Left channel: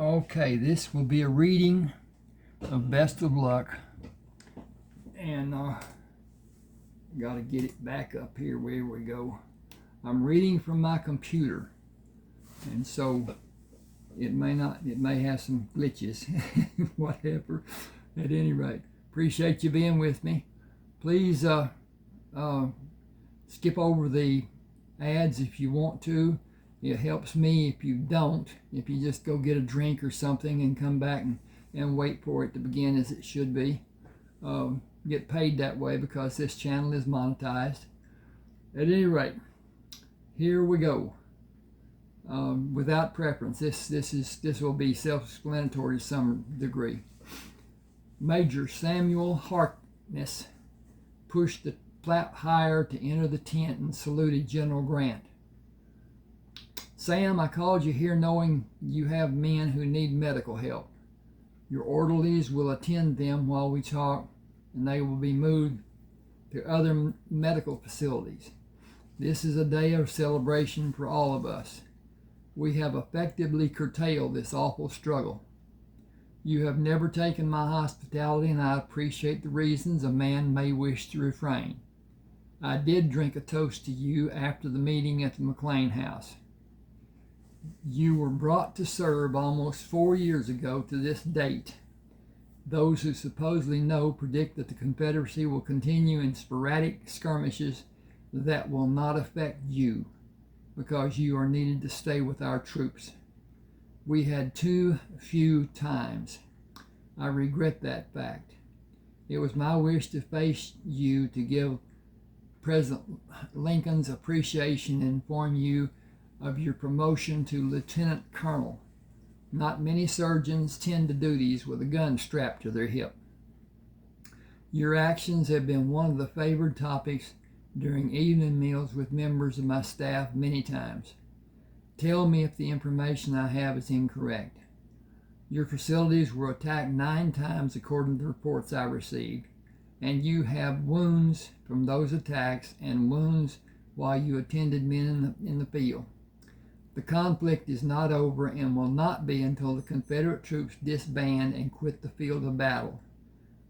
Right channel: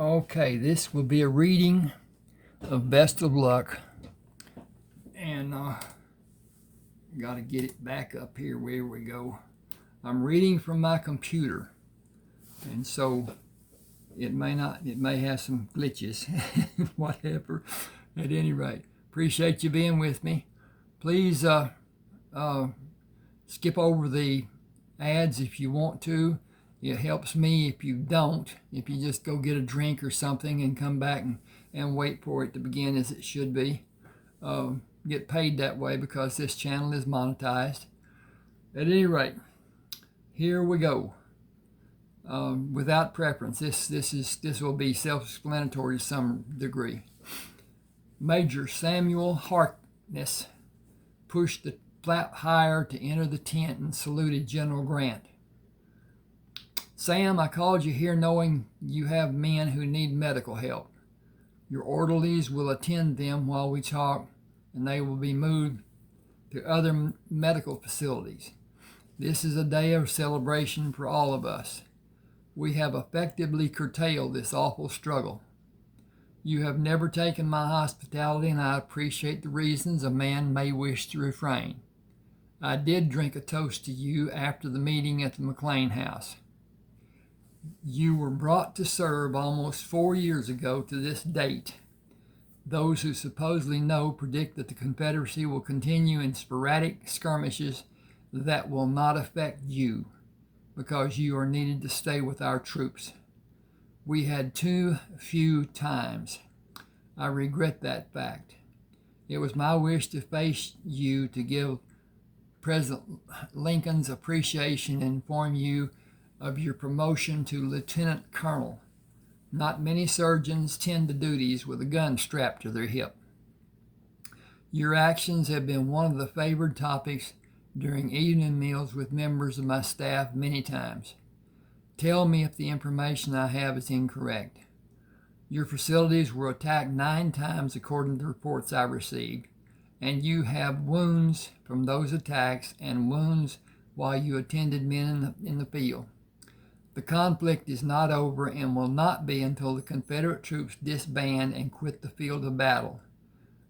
Okay, this will be a reading of Best of Luck. And got to get it back up here. Where we go. I'm reading from my computer. And so it may have some glitches, whatever. At any rate, appreciate you being with me. Please skip over the ads if you want to. It helps me if you don't. If you just go get a drink or something and come back and wait for it to begin as it should be. Get paid that way because this channel is monetized. At any rate, here we go. Without preference, this will be self-explanatory to some degree. Major Samuel Harkness pushed the flap higher to enter the tent and saluted General Grant. Sam, I called you here knowing you have men who need medical help. Your orderlies will attend them while we talk, and they will be moved to other medical facilities. This is a day of celebration for all of us. We have effectively curtailed this awful struggle. You have never taken my hospitality, and I appreciate the reasons a man may wish to refrain. I did drink a toast to you after the meeting at the McLean house. You were brought to serve almost 4 years ago to this date. Those who supposedly know predict that the Confederacy will continue in sporadic skirmishes that will not affect you because you are needed to stay with our troops. We had too few times. I regret that fact. It was my wish to face you to give President Lincoln's appreciation and inform you of your promotion to Lieutenant Colonel. Not many surgeons tend to duties with a gun strapped to their hip. Your actions have been one of the favored topics during evening meals with members of my staff many times. Tell me if the information I have is incorrect. Your facilities were attacked 9 times according to reports I received, and you have wounds from those attacks and wounds while you attended men in the field. The conflict is not over and will not be until the Confederate troops disband and quit the field of battle.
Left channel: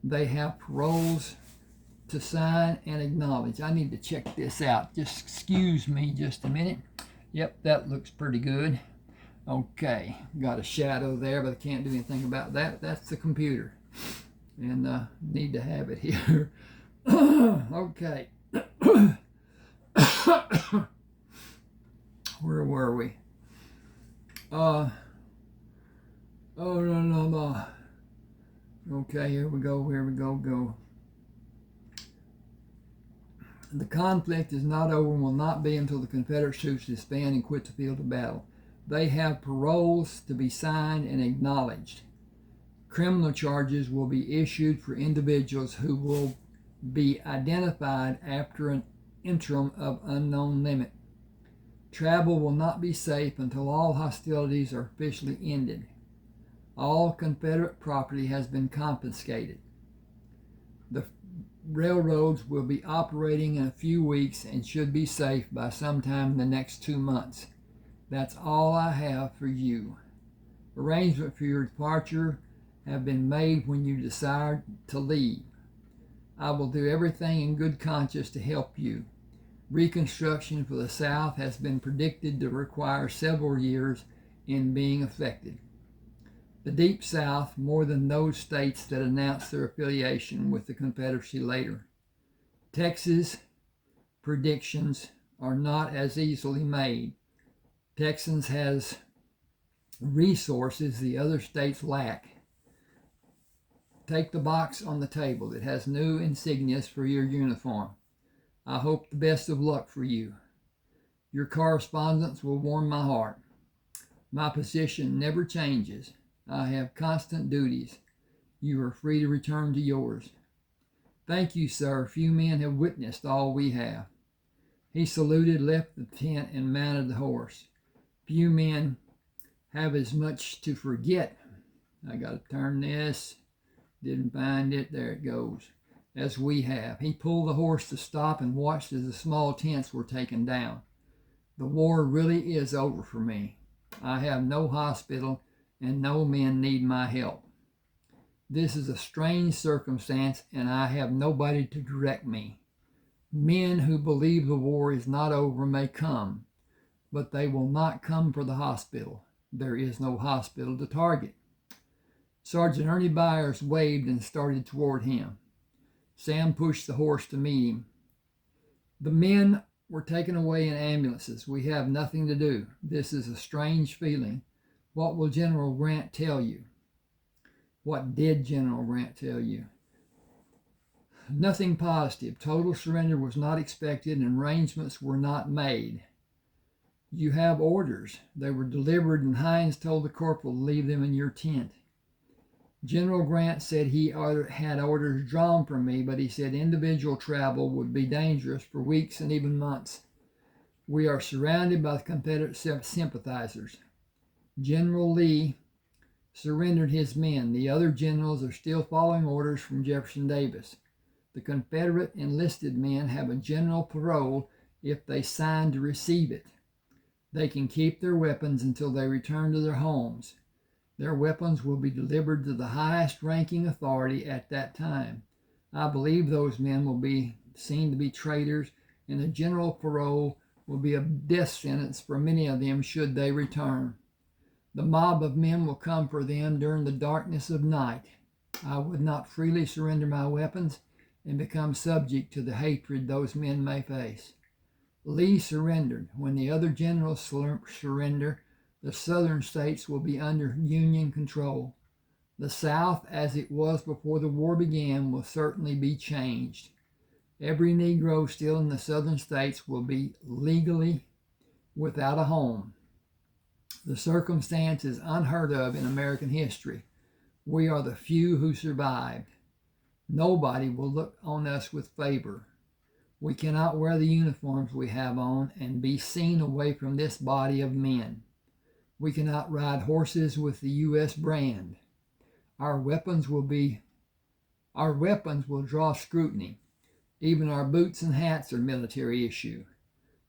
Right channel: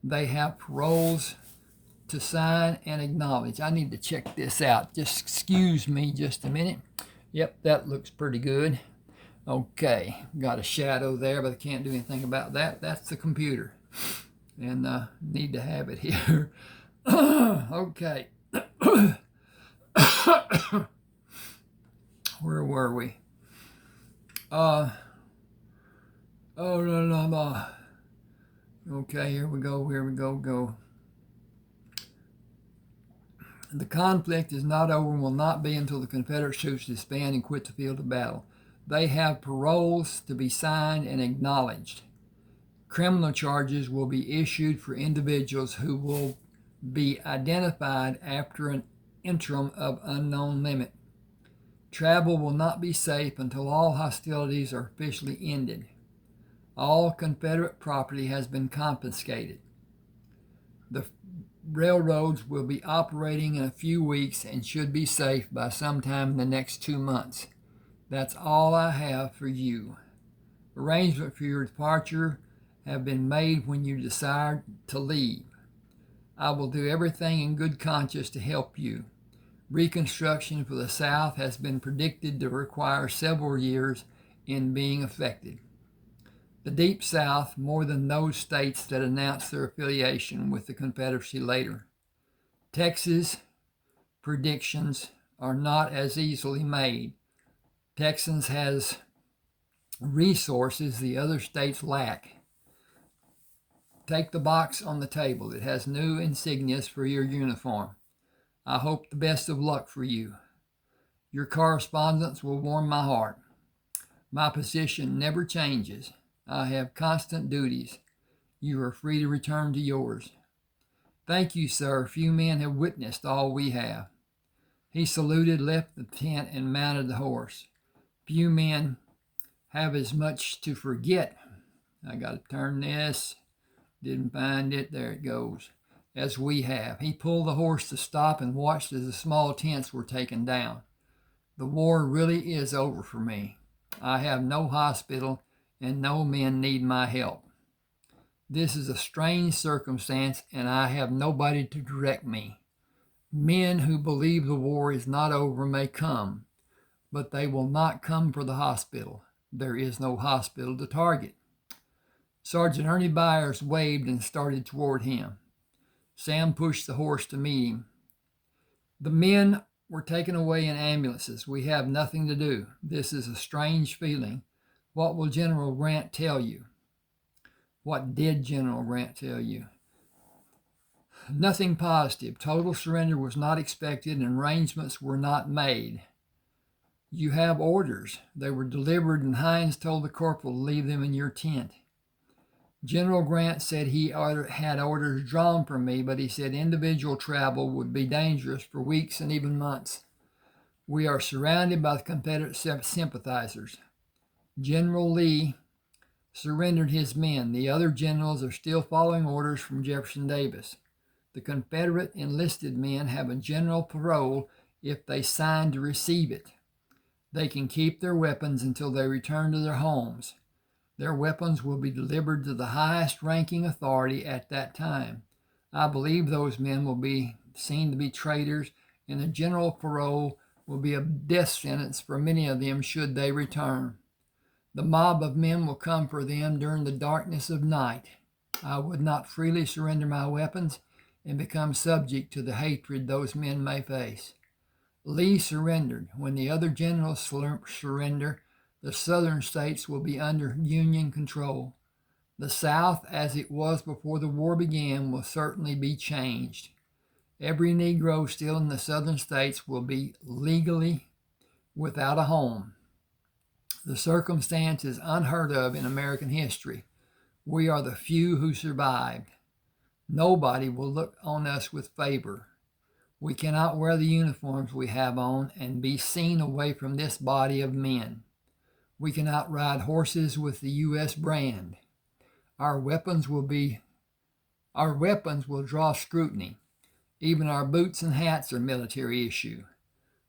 They have paroles to sign and acknowledge. I need to check this out. Just excuse me just a minute. Yep, that looks pretty good. Okay, got a shadow there, but I can't do anything about that. That's the computer. And need to have it here. Okay. Where were we? Okay, here we go. The conflict is not over and will not be until the Confederate troops disband and quit the field of battle. They have paroles to be signed and acknowledged. Criminal charges will be issued for individuals who will be identified after an interim of unknown limit. Travel will not be safe until all hostilities are officially ended. All Confederate property has been confiscated. The railroads will be operating in a few weeks and should be safe by sometime in the next 2 months. That's all I have for you. Arrangements for your departure have been made when you decide to leave. I will do everything in good conscience to help you. Reconstruction for the South has been predicted to require several years in being effected. The Deep South more than those states that announced their affiliation with the Confederacy later. Texas predictions are not as easily made. Texas has resources the other states lack. Take the box on the table. It has new insignias for your uniform. I hope the best of luck for you. Your correspondence will warm my heart. My position never changes. I have constant duties. You are free to return to yours. Thank you, sir. Few men have witnessed all we have. He saluted, left the tent, and mounted the horse. Few men have as much to forget. I got to turn this. Didn't find it. There it goes. As we have. He pulled the horse to stop and watched as the small tents were taken down. The war really is over for me. I have no hospital and no men need my help. This is a strange circumstance, and I have nobody to direct me. Men who believe the war is not over may come, but they will not come for the hospital. There is no hospital to target. Sergeant Ernie Byers waved and started toward him. Sam pushed the horse to meet him. The men were taken away in ambulances. We have nothing to do. This is a strange feeling. What will General Grant tell you? What did General Grant tell you? Nothing positive. Total surrender was not expected and arrangements were not made. You have orders. They were delivered and Hines told the corporal to leave them in your tent. General Grant said he had orders drawn from me, but he said individual travel would be dangerous for weeks and even months. We are surrounded by the Confederate sympathizers. General Lee surrendered his men. The other generals are still following orders from Jefferson Davis. The Confederate enlisted men have a general parole if they sign to receive it. They can keep their weapons until they return to their homes. Their weapons will be delivered to the highest ranking authority at that time. I believe those men will be seen to be traitors, and a general parole will be a death sentence for many of them should they return. The mob of men will come for them during the darkness of night. I would not freely surrender my weapons and become subject to the hatred those men may face. Lee surrendered. When the other generals surrender, the southern states will be under Union control. The South, as it was before the war began, will certainly be changed. Every Negro still in the southern states will be legally without a home. The circumstance is unheard of in American history. We are the few who survived. Nobody will look on us with favor. We cannot wear the uniforms we have on and be seen away from this body of men. We cannot ride horses with the U.S. brand. Our weapons will draw scrutiny. Even our boots and hats are military issue.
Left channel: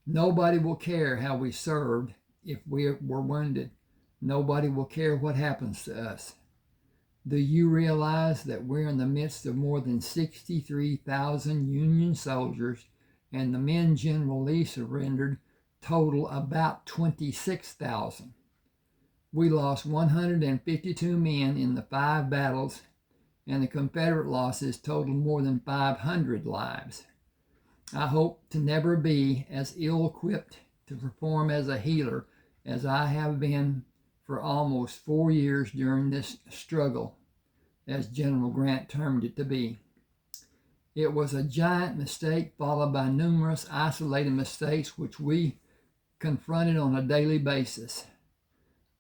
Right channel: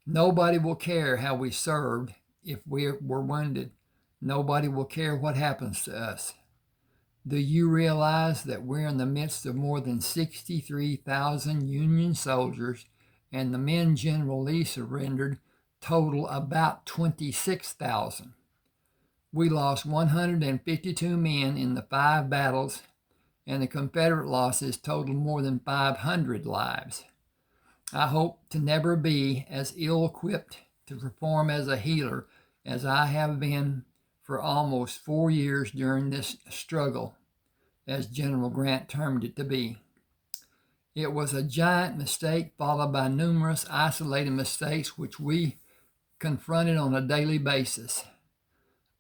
Nobody will care how we served if we were wounded. Nobody will care what happens to us. Do you realize that we're in the midst of more than 63,000 Union soldiers, and the men General Lee surrendered total about 26,000? We lost 152 men in the 5 battles, and the Confederate losses totaled more than 500 lives. I hope to never be as ill-equipped to perform as a healer as I have been for almost 4 years during this struggle, as General Grant termed it to be. It was a giant mistake followed by numerous isolated mistakes which we confronted on a daily basis.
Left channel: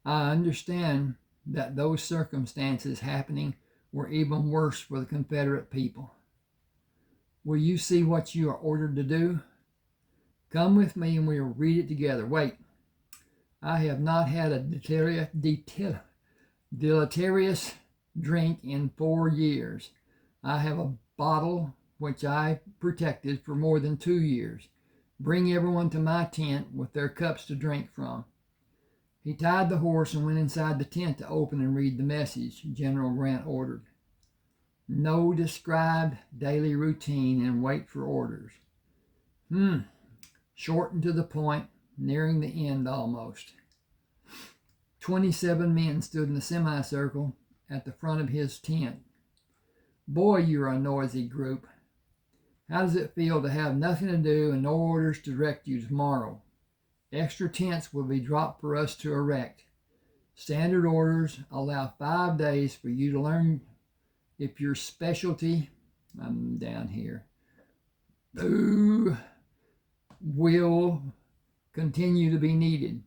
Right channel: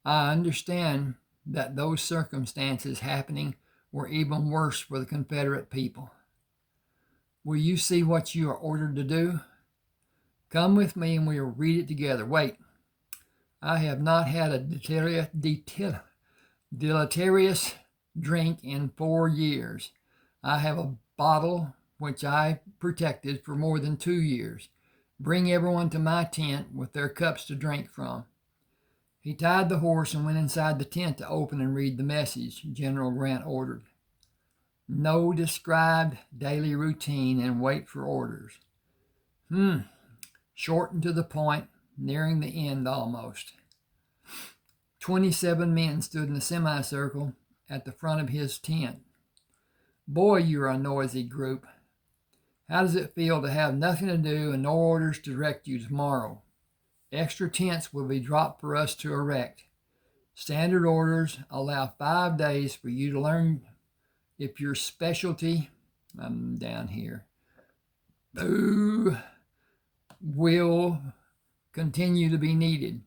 I understand that those circumstances happening were even worse for the Confederate people. Will you see what you are ordered to do? Come with me and we will read it together. Wait, I have not had a deleterious drink in 4 years. I have a bottle which I protected for more than 2 years. Bring everyone to my tent with their cups to drink from. He tied the horse and went inside the tent to open and read the message General Grant ordered. No described daily routine and wait for orders. Short and to the point, nearing the end almost. 27 men stood in a semicircle at the front of his tent. Boy, you're a noisy group. How does it feel to have nothing to do and no orders to direct you tomorrow? Extra tents will be dropped for us to erect. Standard orders allow 5 days for you to learn if your specialty, I'm down here, will continue to be needed.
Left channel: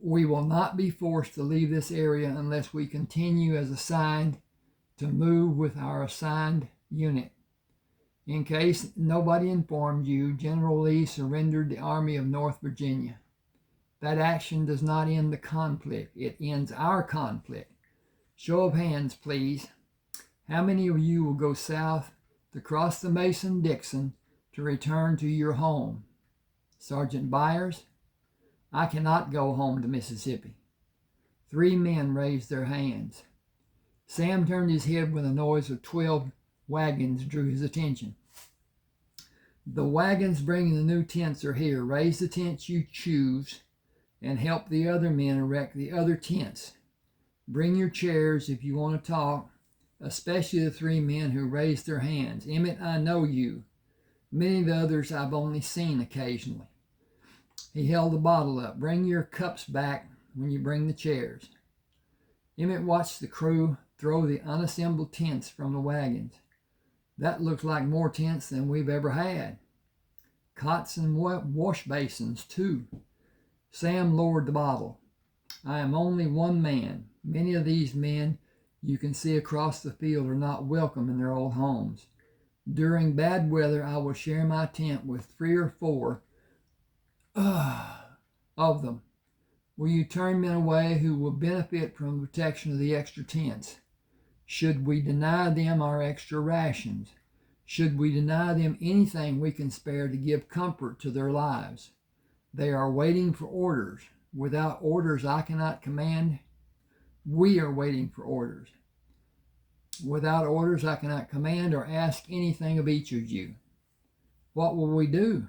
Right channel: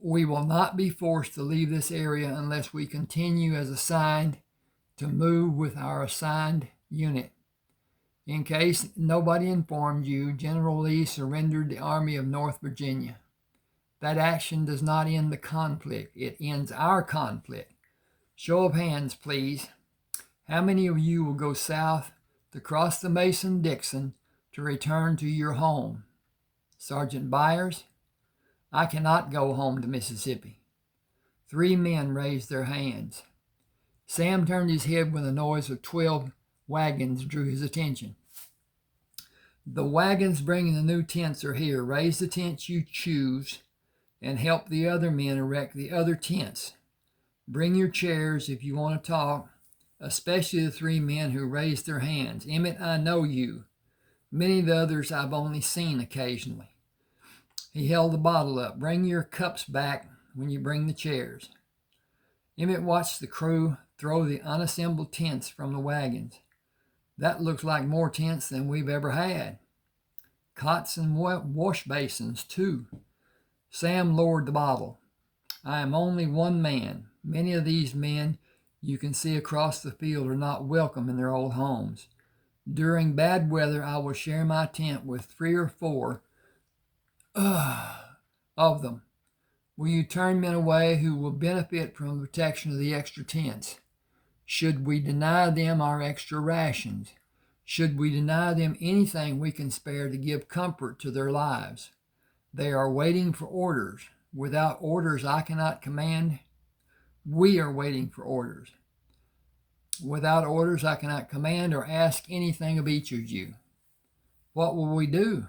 We will not be forced to leave this area unless we continue as assigned to move with our assigned unit. In case nobody informed you, General Lee surrendered the Army of North Virginia. That action does not end the conflict. It ends our conflict. Show of hands, please. How many of you will go south to cross the Mason-Dixon to return to your home? Sergeant Byers, I cannot go home to Mississippi. 3 men raised their hands. Sam turned his head when the noise of 12 wagons drew his attention. The wagons bringing the new tents are here. Raise the tents you choose and help the other men erect the other tents. Bring your chairs if you want to talk, especially the 3 men who raised their hands. Emmett, I know you. Many of the others I've only seen occasionally. He held the bottle up. Bring your cups back when you bring the chairs. Emmett watched the crew throw the unassembled tents from the wagons. That looks like more tents than we've ever had. Cots and wash basins, too. Sam lowered the bottle. I am only one man. Many of these men you can see across the field are not welcome in their old homes. During bad weather, I will share my tent with 3 or 4 of them. Will you turn men away who will benefit from the protection of the extra tents? Should we deny them our extra rations? Should we deny them anything we can spare to give comfort to their lives? They are waiting for orders. Without orders, I cannot command. We are waiting for orders. Without orders, I cannot command or ask anything of each of you. What will we do?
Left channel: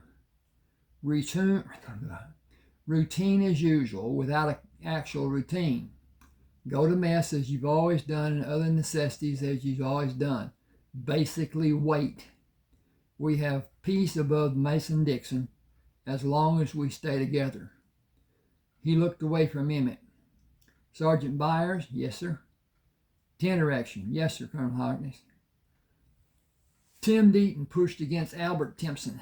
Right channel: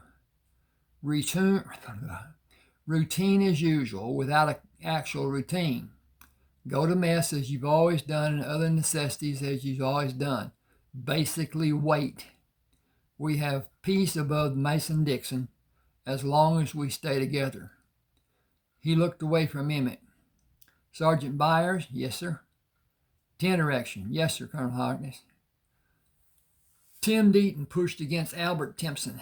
Routine as usual, without an actual routine. Go to mess as you've always done and other necessities as you've always done. Basically, wait. We have peace above Mason-Dixon as long as we stay together. He looked away from Emmett. Sergeant Byers? Yes, sir. Tent erection? Yes, sir, Colonel Harkness. Tim Deaton pushed against Albert Timpson.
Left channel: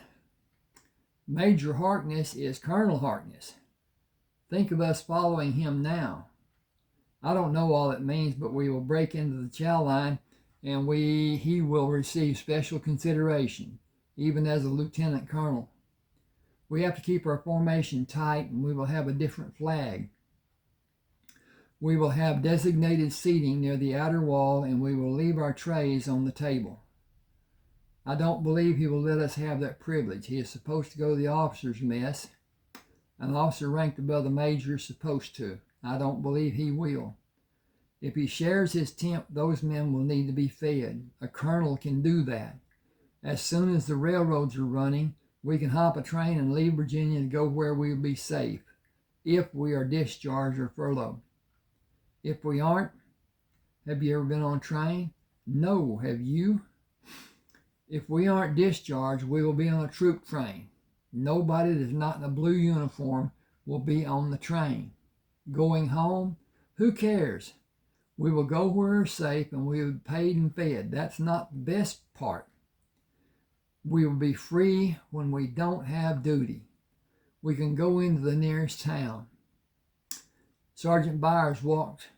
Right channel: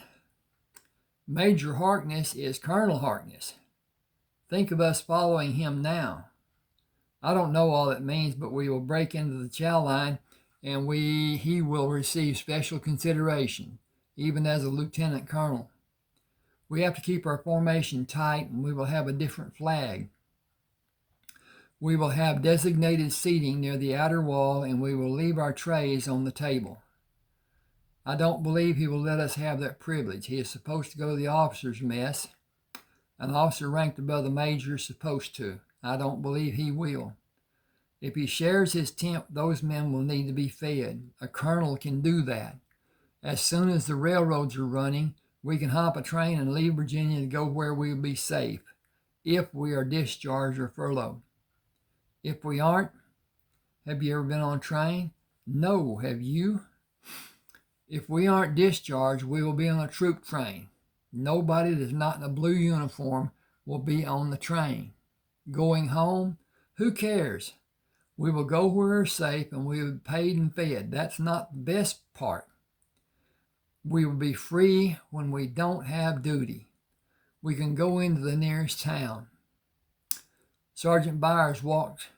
Major Harkness is Colonel Harkness. Think of us following him now. I don't know all it means, but we will break into the chow line and he will receive special consideration, even as a lieutenant colonel. We have to keep our formation tight, and we will have a different flag. We will have designated seating near the outer wall, and we will leave our trays on the table. I don't believe he will let us have that privilege. He is supposed to go to the officers' mess. An officer ranked above the major is supposed to. I don't believe he will. If he shares his tent, those men will need to be fed. A colonel can do that. As soon as the railroads are running, we can hop a train and leave Virginia to go where we will be safe, if we are discharged or furloughed. If we aren't, have you ever been on a train? No, have you? If we aren't discharged, we will be on a troop train. Nobody that's not in a blue uniform will be on the train. Going home? Who cares? We will go where we're safe and we will be paid and fed. That's not the best part. We will be free when we don't have duty. We can go into the nearest town. Sergeant Byers moved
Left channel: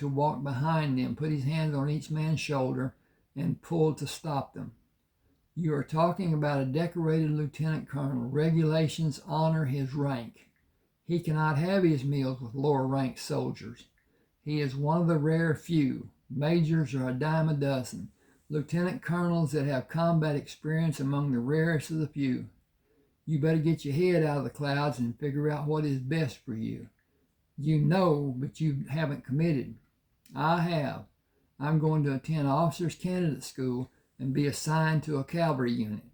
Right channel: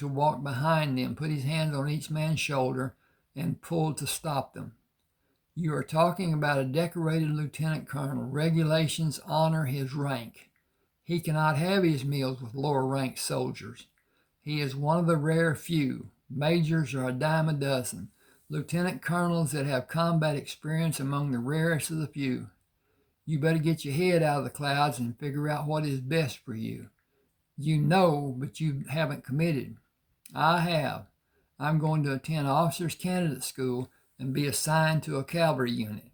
to walk behind them, put his hands on each man's shoulder, and pulled to stop them. You are talking about a decorated lieutenant colonel. Regulations honor his rank. He cannot have his meals with lower-ranked soldiers. He is one of the rare few. Majors are a dime a dozen. Lieutenant colonels that have combat experience among the rarest of the few. You better get your head out of the clouds and figure out what is best for you. You know, but you haven't committed. I have. I'm going to attend officers' candidate school and be assigned to a cavalry unit.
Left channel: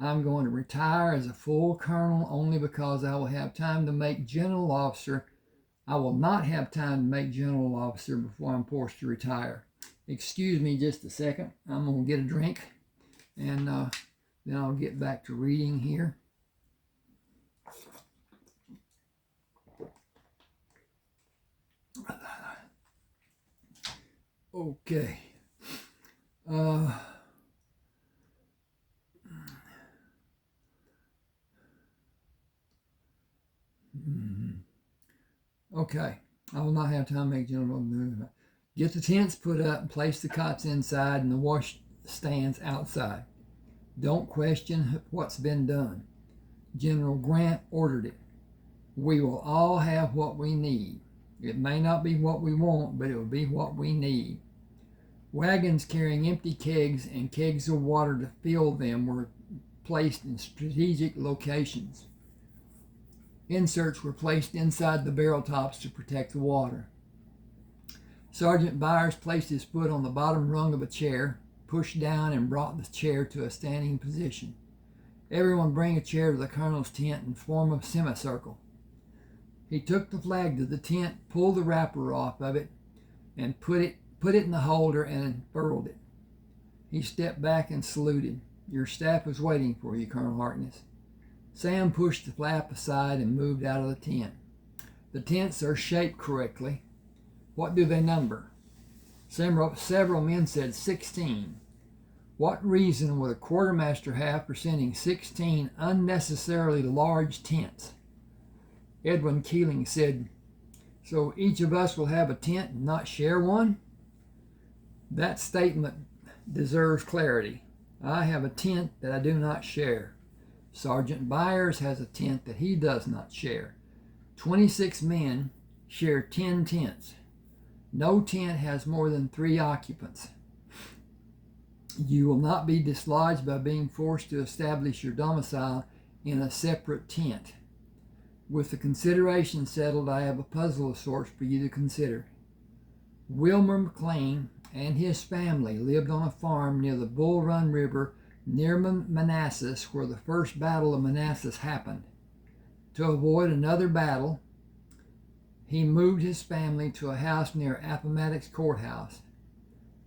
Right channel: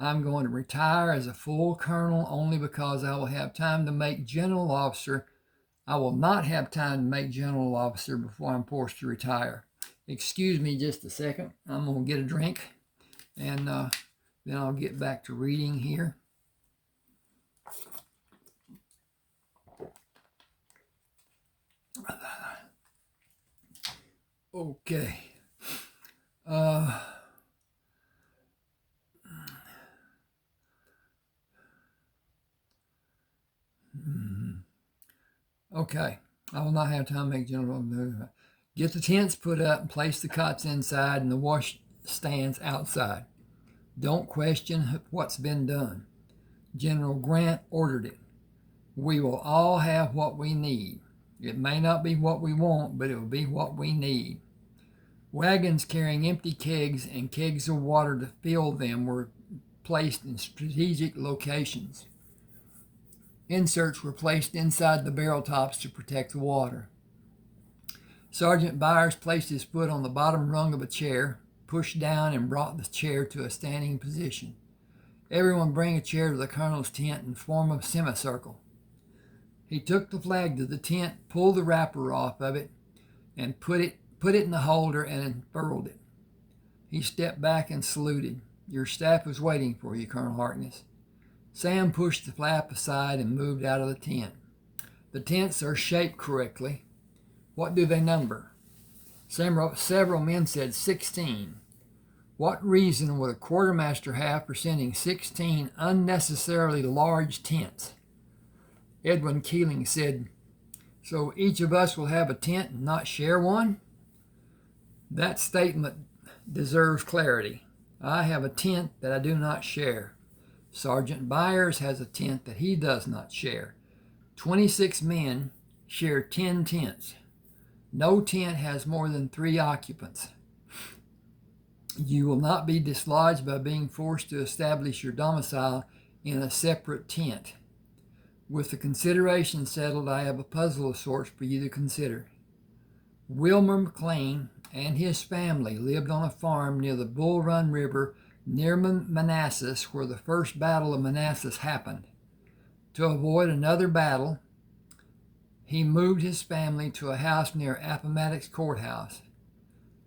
I'm going to retire as a full colonel only because I will have time to make general officer. I will not have time to make general officer before I'm forced to retire. Excuse me just a second. I'm going to get a drink, and then I'll get back to reading here. Okay. Okay. I will not have time to make general. Get the tents put up and place the cots inside and the wash stands outside. Don't question what's been done. General Grant ordered it. We will all have what we need. It may not be what we want, but it will be what we need. Wagons carrying empty kegs and kegs of water to fill them were placed in strategic locations. Inserts were placed inside the barrel tops to protect the water. Sergeant Byers placed his foot on the bottom rung of a chair, pushed down, and brought the chair to a standing position. Everyone bring a chair to the colonel's tent and form a semicircle. He took the flag to the tent, pulled the wrapper off of it, and put it in the holder and unfurled it. He stepped back and saluted. Your staff was waiting for you, Colonel Harkness. Sam pushed the flap aside and moved out of the tent. The tents are shaped correctly. What do they number? Several men said 16. What reason would a quartermaster have for sending 16 unnecessarily large tents? Edwin Keeling said, so each of us will have a tent and not share one? That statement deserves clarity. I have a tent that I do not share. Sergeant Byers has a tent that he does not share. 26 men share 10 tents. No tent has more than 3 occupants. You will not be dislodged by being forced to establish your domicile in a separate tent. With the consideration settled, I have a puzzle of sorts for you to consider. Wilmer McLean and his family lived on a farm near the Bull Run River near Manassas, where the first battle of Manassas happened. To avoid another battle, he moved his family to a house near Appomattox Courthouse.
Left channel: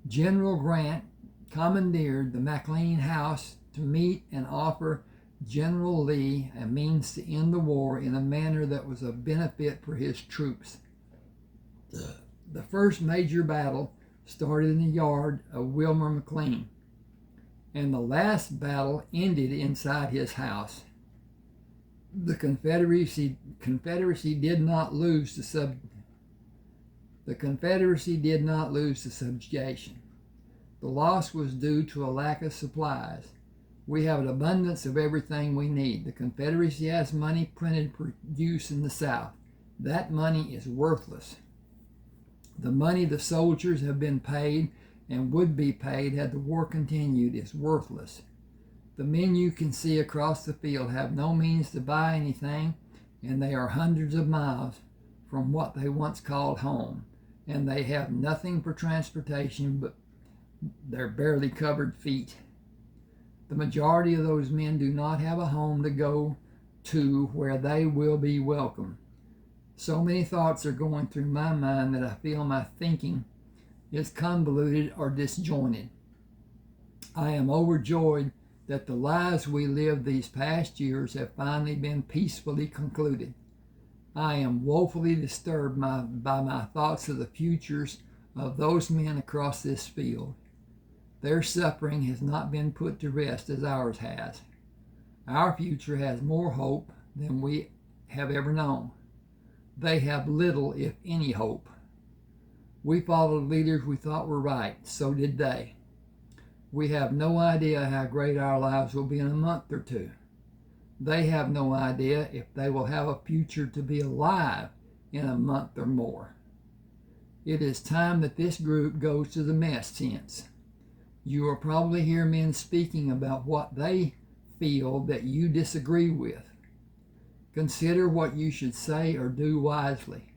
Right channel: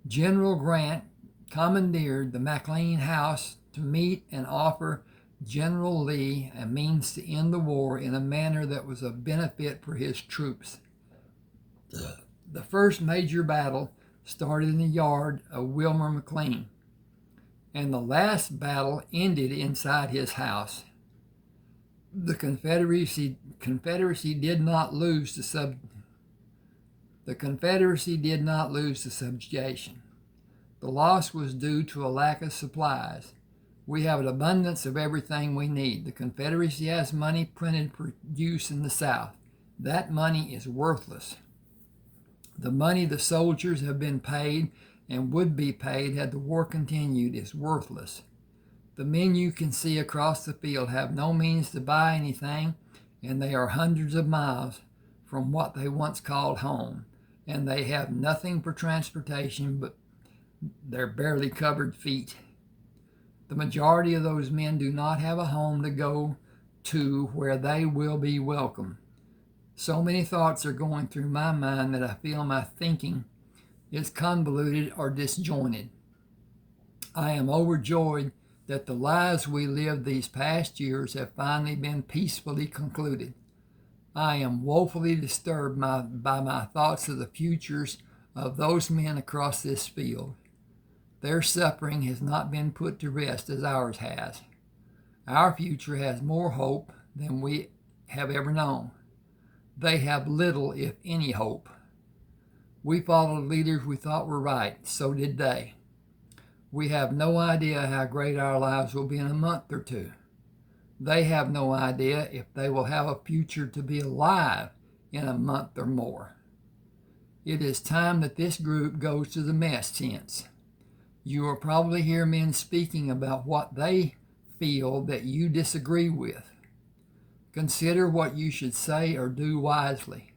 General Grant commandeered the McLean house to meet and offer General Lee a means to end the war in a manner that was of benefit for his troops. The first major battle started in the yard of Wilmer McLean, and the last battle ended inside his house. The Confederacy did not lose the subjugation. The loss was due to a lack of supplies. We have an abundance of everything we need. The Confederacy has money printed for use in the South. That money is worthless. The money the soldiers have been paid and would be paid had the war continued is worthless. The men you can see across the field have no means to buy anything, and they are hundreds of miles from what they once called home, and they have nothing for transportation but their barely covered feet. The majority of those men do not have a home to go to where they will be welcome. So many thoughts are going through my mind that I feel my thinking is convoluted or disjointed. I am overjoyed that the lives we lived these past years have finally been peacefully concluded. I am woefully disturbed by my thoughts of the futures of those men across this field. Their suffering has not been put to rest as ours has. Our future has more hope than we have ever known. They have little, if any, hope. We followed leaders we thought were right, so did they. We have no idea how great our lives will be in a month or two. They have no idea if they will have a future to be alive in a month or more. It is time that this group goes to the mess tents. You will probably hear men speaking about what they feel that you disagree with. Consider what you should say or do wisely.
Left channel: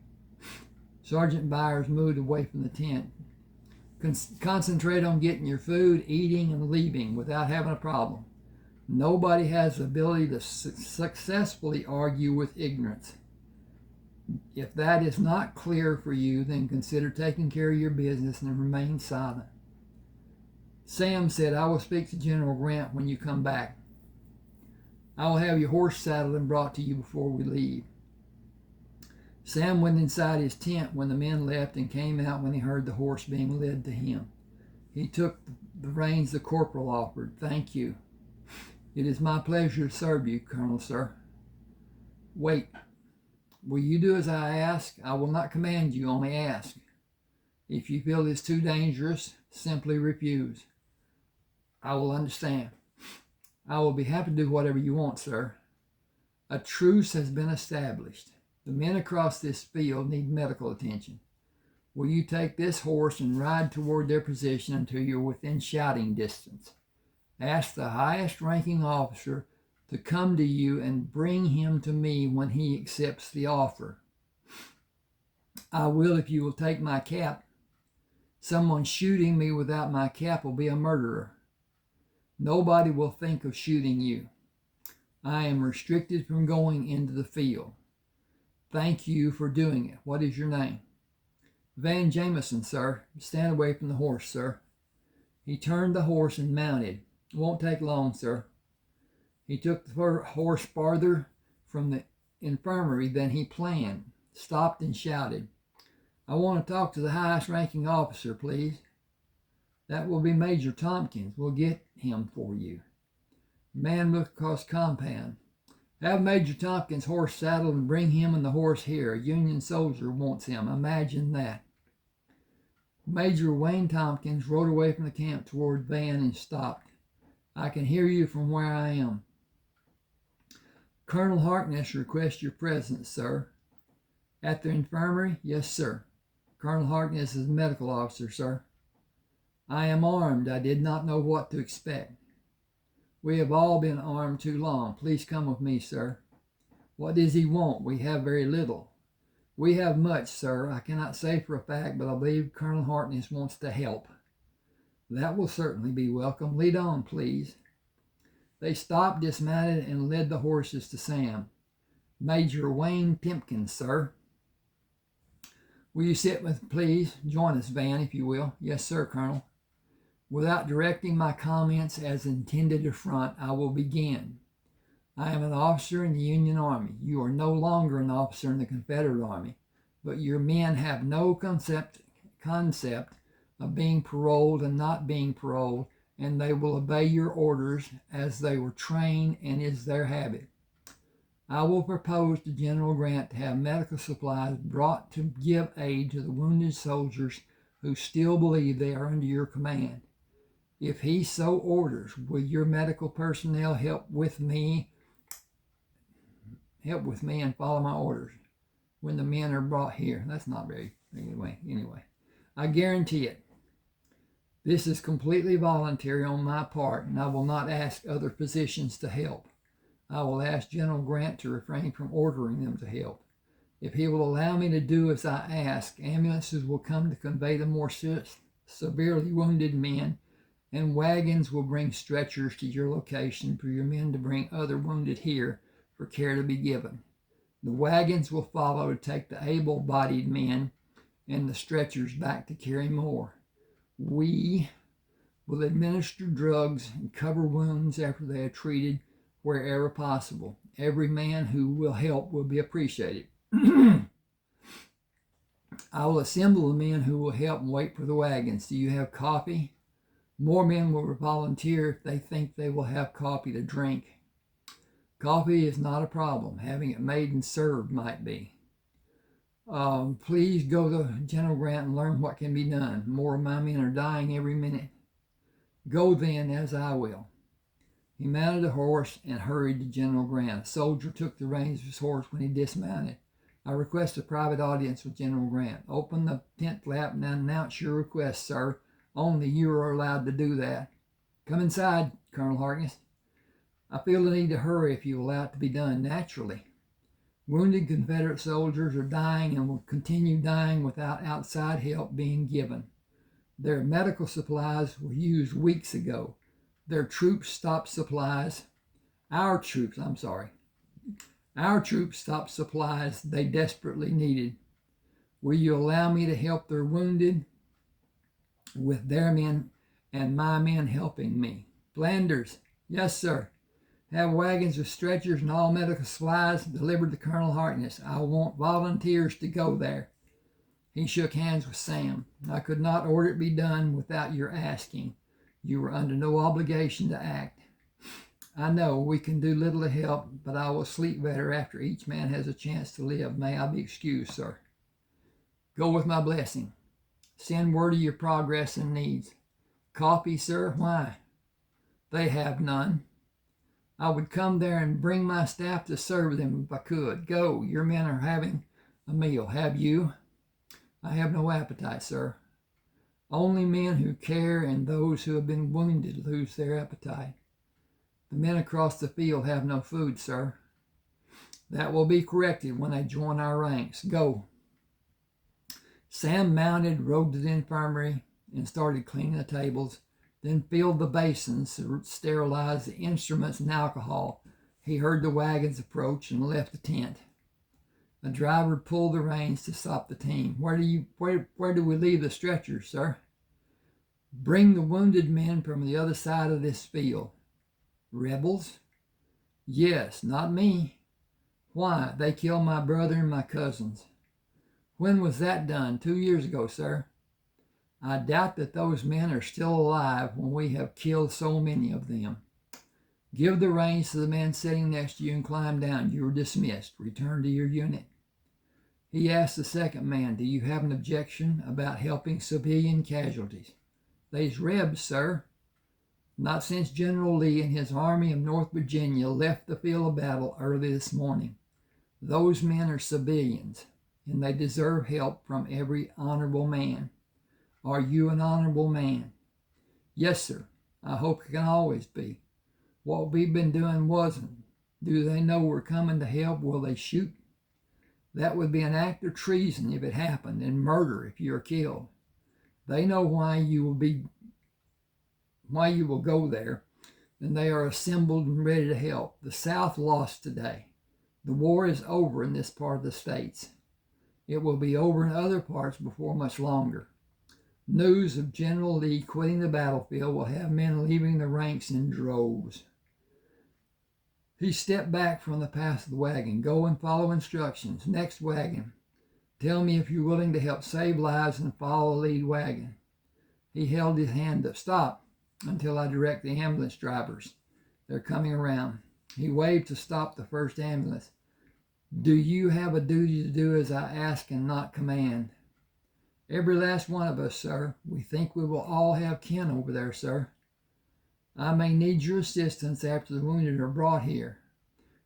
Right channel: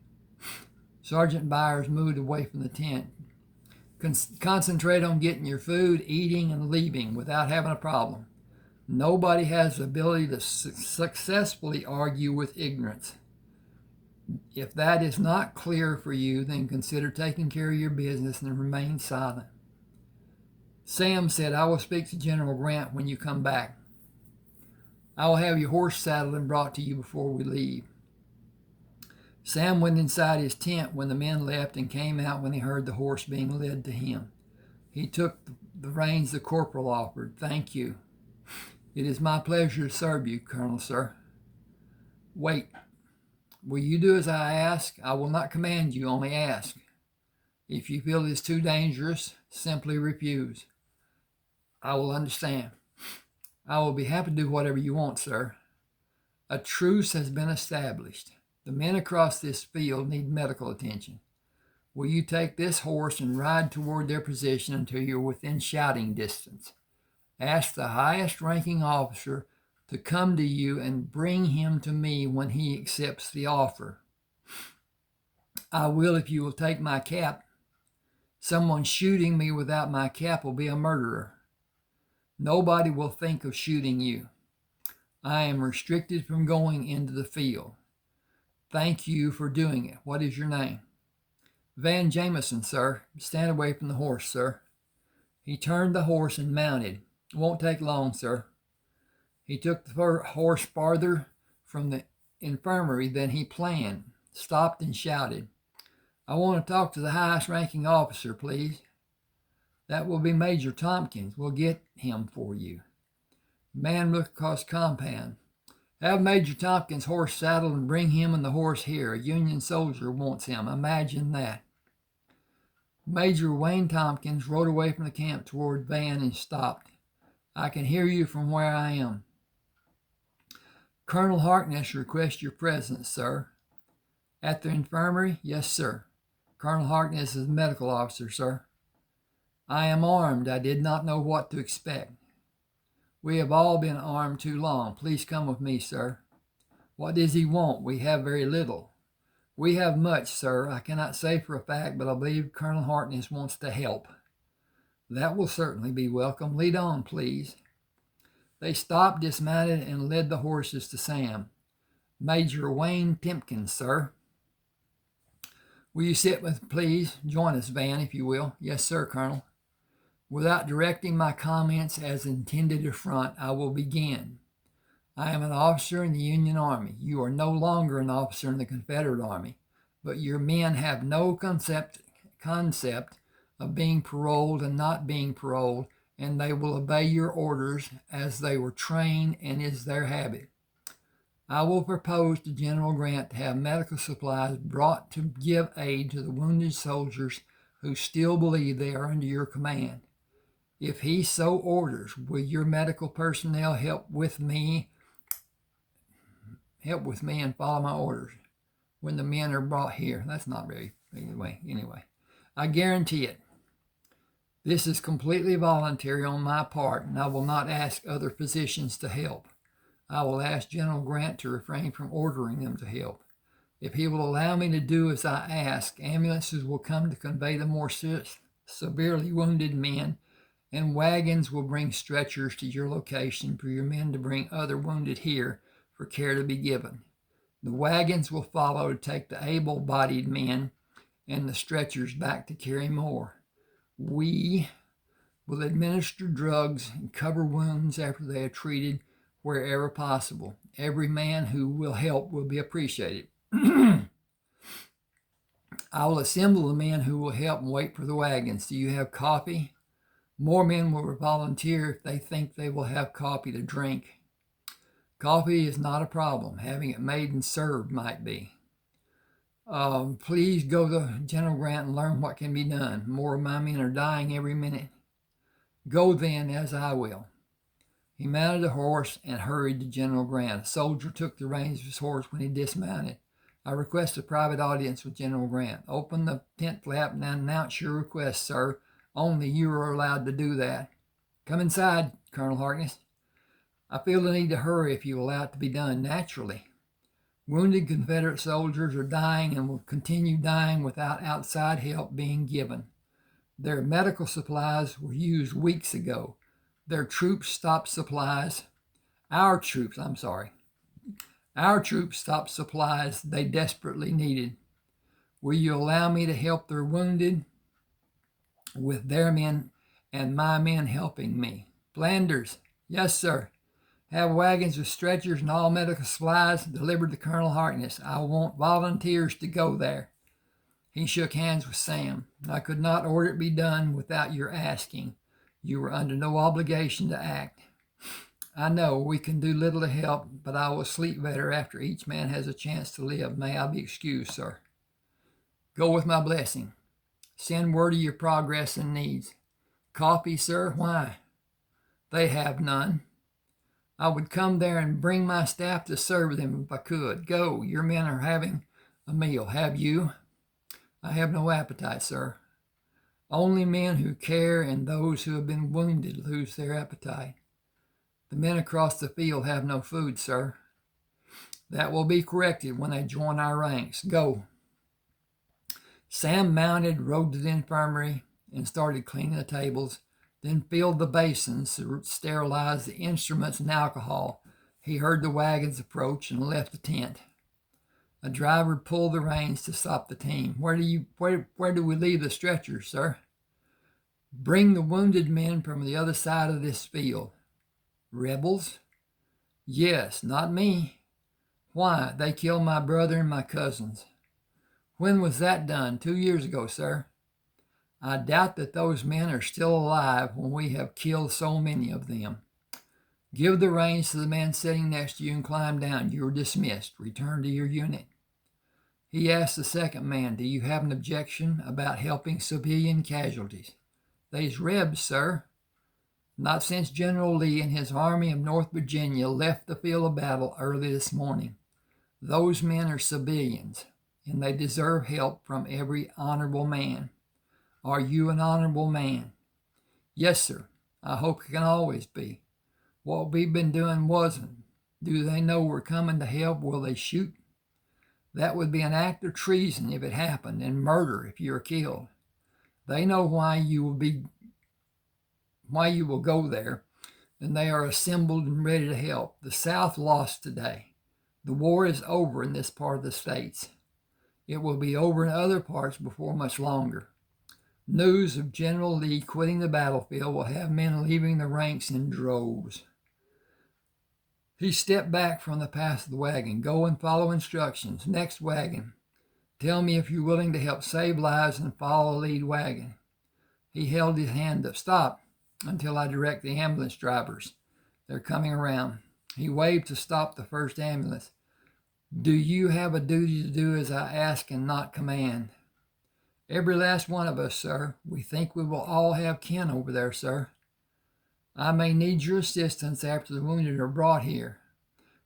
Sergeant Byers moved away from the tent. Concentrate on getting your food, eating, and leaving without having a problem. Nobody has the ability to successfully argue with ignorance. If that is not clear for you, then consider taking care of your business and remain silent. Sam said, I will speak to General Grant when you come back. I will have your horse saddled and brought to you before we leave. Sam went inside his tent when the men left and came out when he heard the horse being led to him. He took the reins the corporal offered. Thank you. It is my pleasure to serve you, Colonel, sir. Wait. Will you do as I ask? I will not command you, only ask. If you feel it is too dangerous, simply refuse. I will understand. I will be happy to do whatever you want, sir. A truce has been established. The men across this field need medical attention. Will you take this horse and ride toward their position until you're within shouting distance? Ask the highest ranking officer to come to you and bring him to me when he accepts the offer. I will if you will take my cap. Someone shooting me without my cap will be a murderer. Nobody will think of shooting you. I am restricted from going into the field. Thank you for doing it. What is your name? Van Jameson, sir. Stand away from the horse, sir. He turned the horse and mounted. It won't take long, sir. He took the horse farther from the infirmary than he planned, stopped and shouted, I want to talk to the highest ranking officer, please. That will be Major Tompkins. We'll get him for you. The man looked across the compound. Have Major Tompkins' horse saddled and bring him and the horse here. A Union soldier wants him. Imagine that. Major Wayne Tompkins rode away from the camp toward Van and stopped. I can hear you from where I am. Colonel Harkness requests your presence, sir. At the infirmary? Yes, sir. Colonel Harkness is the medical officer, sir. I am armed. I did not know what to expect. We have all been armed too long. Please come with me, sir. What does he want? We have very little. We have much, sir. I cannot say for a fact, but I believe Colonel Harkness wants to help. That will certainly be welcome. Lead on, please. They stopped, dismounted, and led the horses to Sam. Major Wayne Tompkins, sir. Will you sit with, please? Join us, Van, if you will. Yes, sir, Colonel. Without directing my comments as intended to front, I will begin. I am an officer in the Union Army. You are no longer an officer in the Confederate Army, but your men have no concept of being paroled and not being paroled, and they will obey your orders as they were trained and is their habit. I will propose to General Grant to have medical supplies brought to give aid to the wounded soldiers who still believe they are under your command. If he so orders, will your medical personnel help with me and follow my orders when the men are brought here? That's not very, anyway. I guarantee it. This is completely voluntary on my part, and I will not ask other physicians to help. I will ask General Grant to refrain from ordering them to help. If he will allow me to do as I ask, ambulances will come to convey the more severely wounded men, and wagons will bring stretchers to your location for your men to bring other wounded here for care to be given. The wagons will follow to take the able-bodied men and the stretchers back to carry more. We will administer drugs and cover wounds after they are treated wherever possible. Every man who will help will be appreciated. I will assemble the men who will help and wait for the wagons. Do you have coffee? More men will volunteer if they think they will have coffee to drink. Coffee is not a problem. Having it made and served might be. Please go to General Grant and learn what can be done. More of my men are dying every minute. Go then, as I will. He mounted a horse and hurried to General Grant. A soldier took the reins of his horse when he dismounted. I request a private audience with General Grant. Open the tent flap and announce your request, sir. Only you are allowed to do that. Come inside, Colonel Harkness. I feel the need to hurry if you allow it to be done naturally. Wounded Confederate soldiers are dying and will continue dying without outside help being given. Their medical supplies were used weeks ago. Our troops stopped supplies they desperately needed. Will you allow me to help their wounded with their men and my men helping me? Flanders, yes, sir. Have wagons with stretchers and all medical supplies delivered to Colonel Harkness. I want volunteers to go there. He shook hands with Sam. I could not order it be done without your asking. You were under no obligation to act. I know we can do little to help, but I will sleep better after each man has a chance to live. May I be excused, sir? Go with my blessing. Send word of your progress and needs. Coffee, sir? Why? They have none. I would come there and bring my staff to serve them if I could. Go, your men are having a meal. Have you? I have no appetite, sir. Only men who care and those who have been wounded lose their appetite. The men across the field have no food, sir. That will be corrected when they join our ranks. Go. Sam mounted, rode to the infirmary, and started cleaning the tables, then filled the basins to sterilize the instruments and alcohol. He heard the wagons approach and left the tent. A driver pulled the reins to stop the team. Where do we leave the stretchers, sir? Bring the wounded men from the other side of this field. Rebels? Yes, not me. Why? They killed my brother and my cousins. When was that done? 2 years ago, sir. I doubt that those men are still alive when we have killed so many of them. Give the reins to the man sitting next to you and climb down. You are dismissed. Return to your unit. He asked the second man, do you have an objection about helping civilian casualties? They's Rebs, sir. Not since General Lee and his army of North Virginia left the field of battle early this morning. Those men are civilians, and they deserve help from every honorable man. Are you an honorable man? Yes, sir. I hope it can always be. What we've been doing wasn't. Do they know we're coming to help? Will they shoot? That would be an act of treason if it happened, and murder if you are killed. They know why you will go there, and they are assembled and ready to help. The South lost today. The war is over in this part of the states. It will be over in other parts before much longer. News of General Lee quitting the battlefield will have men leaving the ranks in droves. He stepped back from the path of the wagon. Go and follow instructions. Next wagon. Tell me if you're willing to help save lives and follow the lead wagon. He held his hand up. Stop until I direct the ambulance drivers. They're coming around. He waved to stop the first ambulance. Do you have a duty to do as I ask and not command? Every last one of us, sir. We think we will all have kin over there, sir. I may need your assistance after the wounded are brought here.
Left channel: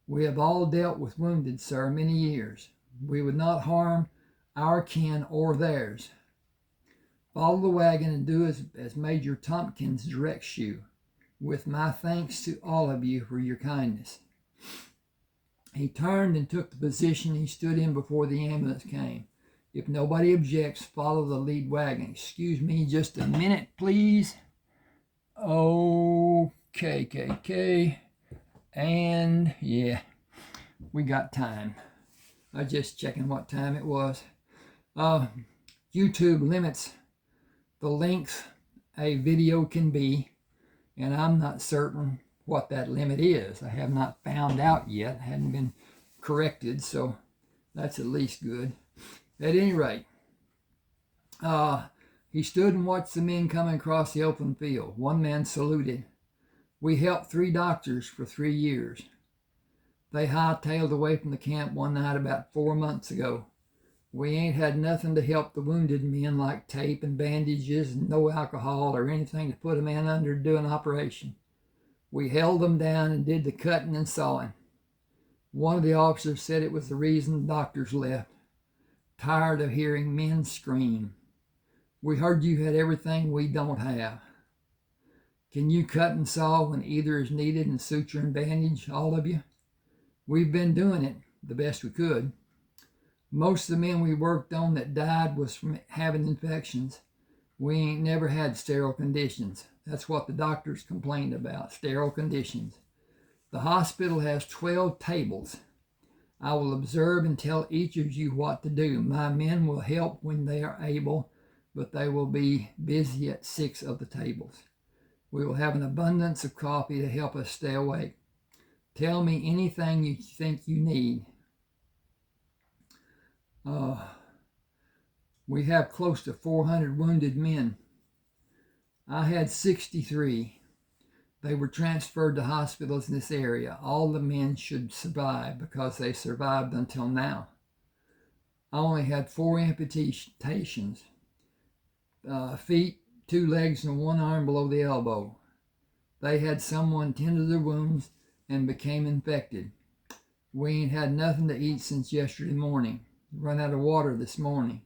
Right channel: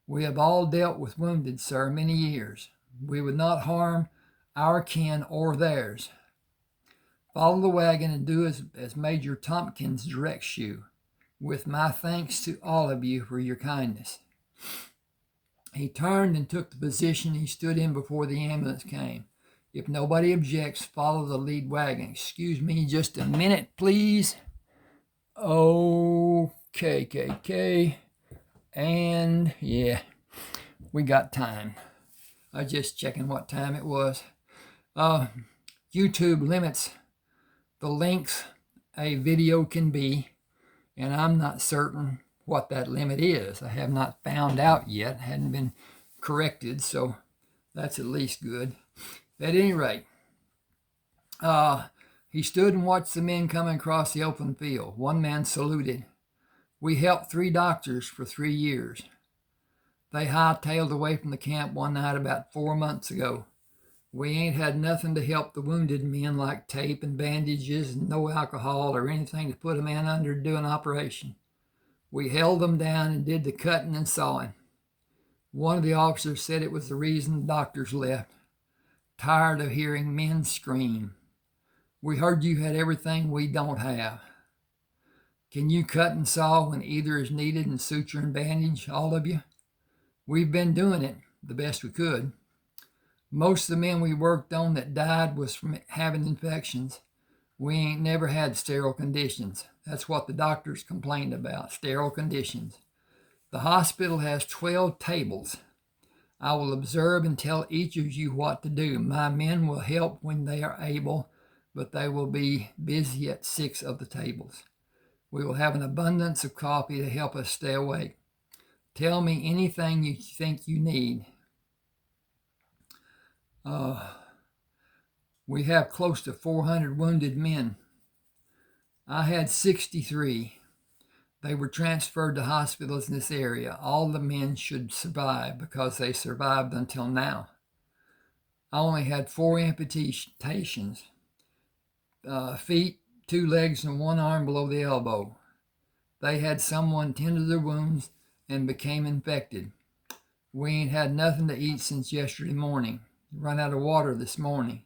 We have all dealt with wounded, sir, many years. We would not harm our kin or theirs. Follow the wagon and do as Major Tompkins directs you, with my thanks to all of you for your kindness. He turned and took the position he stood in before the ambulance came. If nobody objects, follow the lead wagon. Excuse me just a minute, please. Okay. And yeah, we got time. I was just checking what time it was. YouTube limits the length a video can be, and I'm not certain what that limit is. I have not found out yet. Hadn't been corrected, so that's at least good. At any rate, he stood and watched the men coming across the open field. One man saluted. We helped 3 doctors for 3 years. They hightailed away from the camp one night about 4 months ago. We ain't had nothing to help the wounded men like tape and bandages and no alcohol or anything to put a man under to do an operation. We held them down and did the cutting and sawing. One of the officers said it was the reason the doctors left. Tired of hearing men scream. We heard you had everything we don't have. Can you cut and saw when either is needed and suture and bandage, all of you? We've been doing it the best we could. Most of the men we worked on that died was from having infections. We ain't never had sterile conditions. That's what the doctors complained about, sterile conditions. The hospital has 12 tables. I will observe and tell each of you what to do. My men will help when they are able, but they will be busy at 6 of the tables. We will have an abundance of coffee to help us stay awake. Tell me anything you think you need. We have close to 400 wounded men. I had 63. They were transferred to hospitals in this area. All the men should survive because they survived until now. I only had 4 amputations. Feet, 2 legs, and 1 arm below the elbow. They had someone tend to their wounds and became infected. We ain't had nothing to eat since yesterday morning. Run out of water this morning.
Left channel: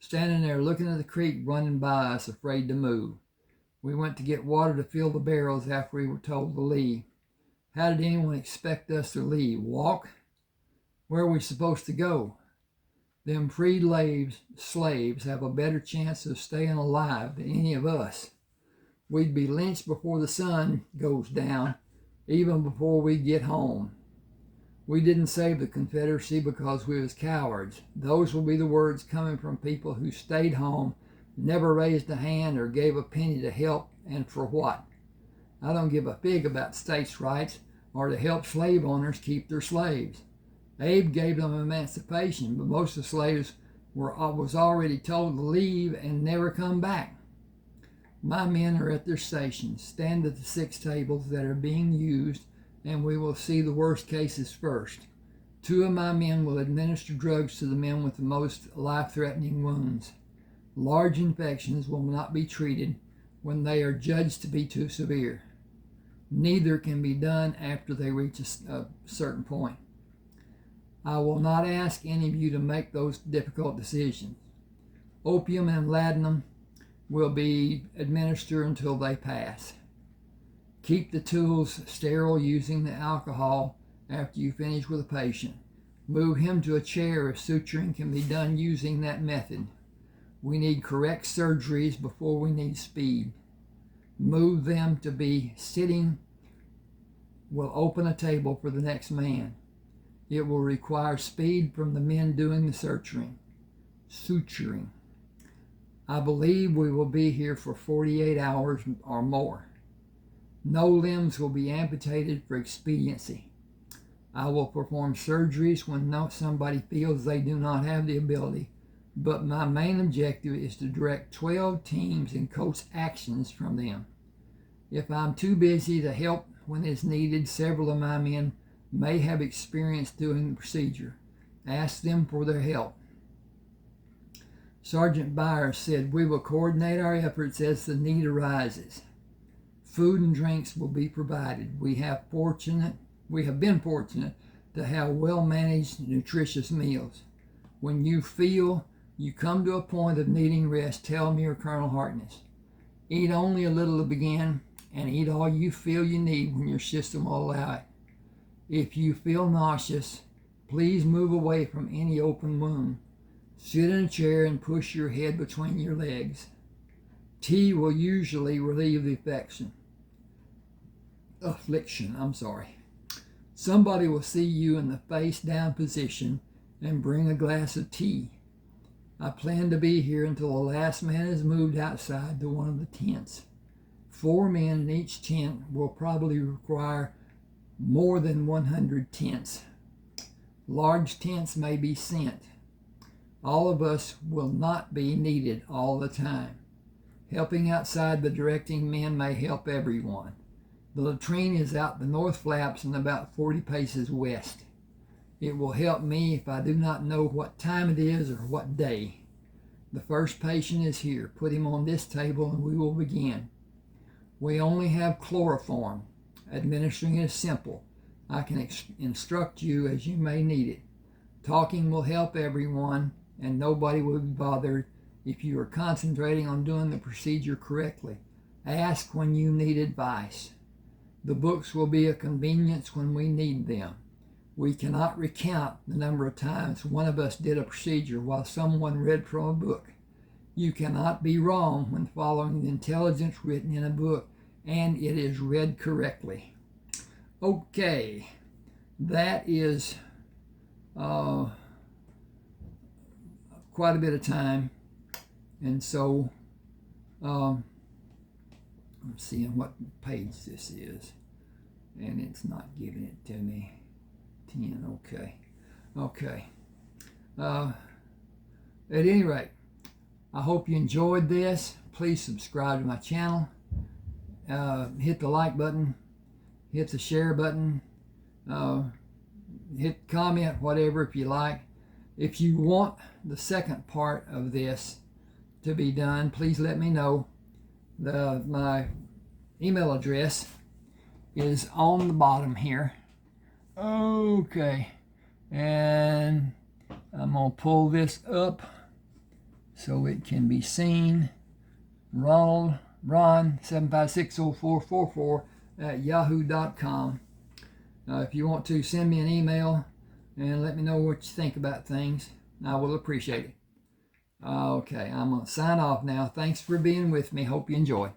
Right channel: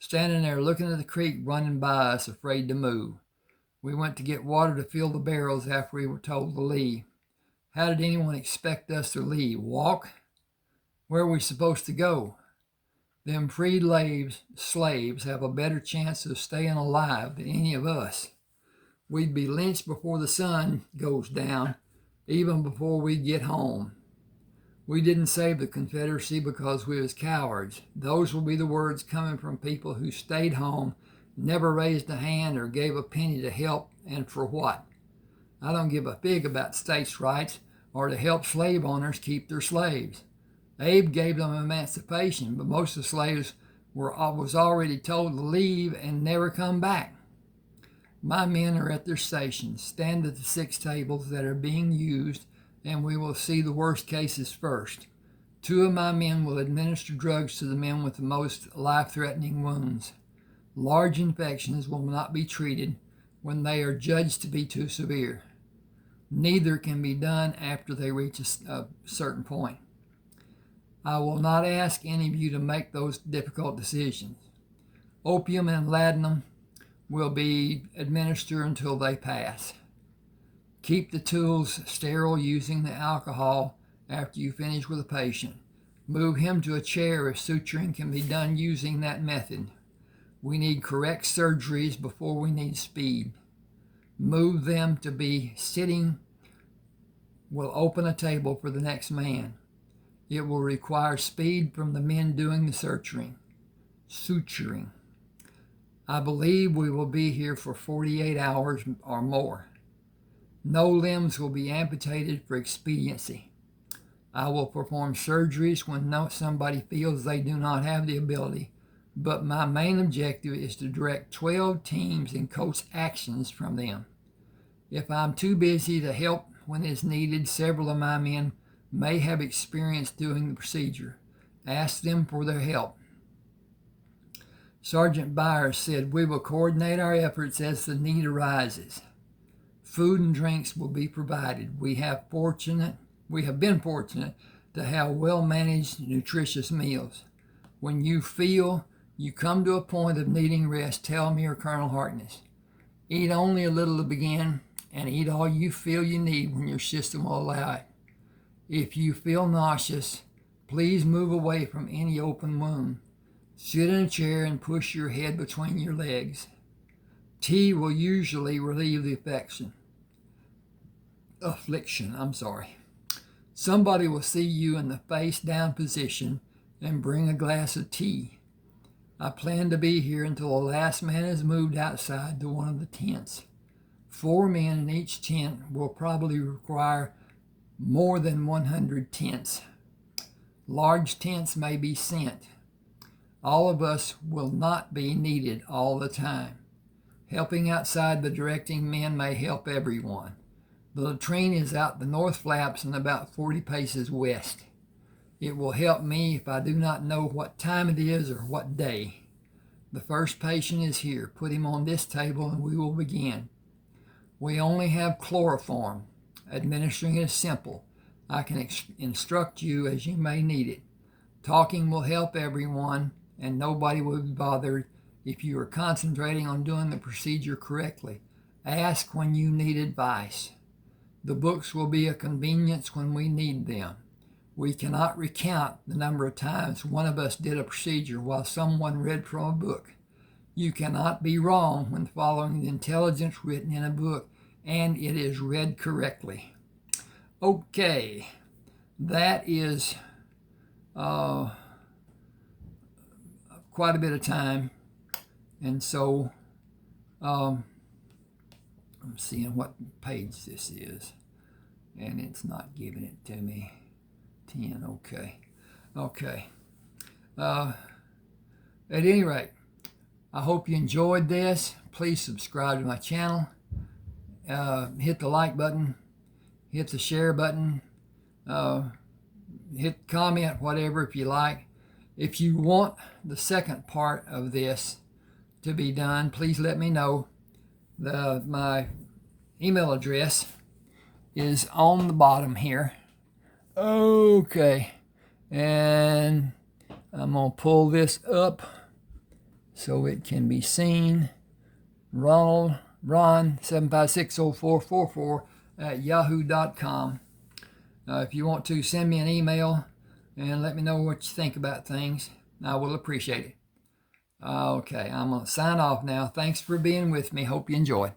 Standing there looking at the creek running by us, afraid to move. We went to get water to fill the barrels after we were told to leave. How did anyone expect us to leave? Walk? Where are we supposed to go? Them freed slaves have a better chance of staying alive than any of us. We'd be lynched before the sun goes down, even before we get home. We didn't save the Confederacy because we was cowards. Those will be the words coming from people who stayed home, never raised a hand or gave a penny to help, and for what? I don't give a fig about states' rights or to help slave owners keep their slaves. Abe gave them emancipation, but most of the slaves was already told to leave and never come back. My men are at their stations. Stand at the 6 tables that are being used, and we will see the worst cases first. 2 of my men will administer drugs to the men with the most life-threatening wounds. Large infections will not be treated when they are judged to be too severe. Neither can be done after they reach a certain point. I will not ask any of you to make those difficult decisions. Opium and laudanum will be administered until they pass. Keep the tools sterile using the alcohol after you finish with a patient. Move him to a chair if suturing can be done using that method. We need correct surgeries before we need speed. Move them to be sitting. Will open a table for the next man. It will require speed from the men doing the suturing. I believe we will be here for 48 hours or more. No limbs will be amputated for expediency. I will perform surgeries when somebody feels they do not have the ability, but my main objective is to direct 12 teams and coach actions from them. If I'm too busy to help when it's needed, several of my men may have experience doing the procedure. Ask them for their help. Sergeant Byers said, we will coordinate our efforts as the need arises. Food and drinks will be provided. We have been fortunate to have well-managed, nutritious meals. When you feel you come to a point of needing rest, tell me or Colonel Harkness. Eat only a little to begin, and eat all you feel you need when your system will allow it. If you feel nauseous, please move away from any open wound. Sit in a chair and push your head between your legs. Tea will usually relieve the affliction. Somebody will see you in the face down position and bring a glass of tea. I plan to be here until the last man is moved outside to one of the tents. 4 men in each tent will probably require more than 100 tents. Large tents may be sent. All of us will not be needed all the time. Helping outside the directing men may help everyone. The latrine is out the north flaps and about 40 paces west. It will help me if I do not know what time it is or what day. The first patient is here. Put him on this table and we will begin. We only have chloroform. Administering is simple. I can instruct you as you may need it. Talking will help everyone, and nobody will be bothered if you are concentrating on doing the procedure correctly. Ask when you need advice. The books will be a convenience when we need them. We cannot recount the number of times one of us did a procedure while someone read from a book. You cannot be wrong when following the intelligence written in a book, and it is read correctly. Okay, that is quite a bit of time, and so I'm seeing what page this is, and it's not giving it to me. 10, okay. At any rate, I hope you enjoyed this. Please subscribe to my channel. Hit the like button, hit the share button, hit comment, whatever, if you like. If you want the second part of this to be done, please let me know. My email address is on the bottom here. Okay, and I'm going to pull this up so it can be seen. Ron 7560444 at yahoo.com. If you want to send me an email and let me know what you think about things, I will appreciate it. Okay, I'm going to sign off now. Thanks for being with me. Hope you enjoy.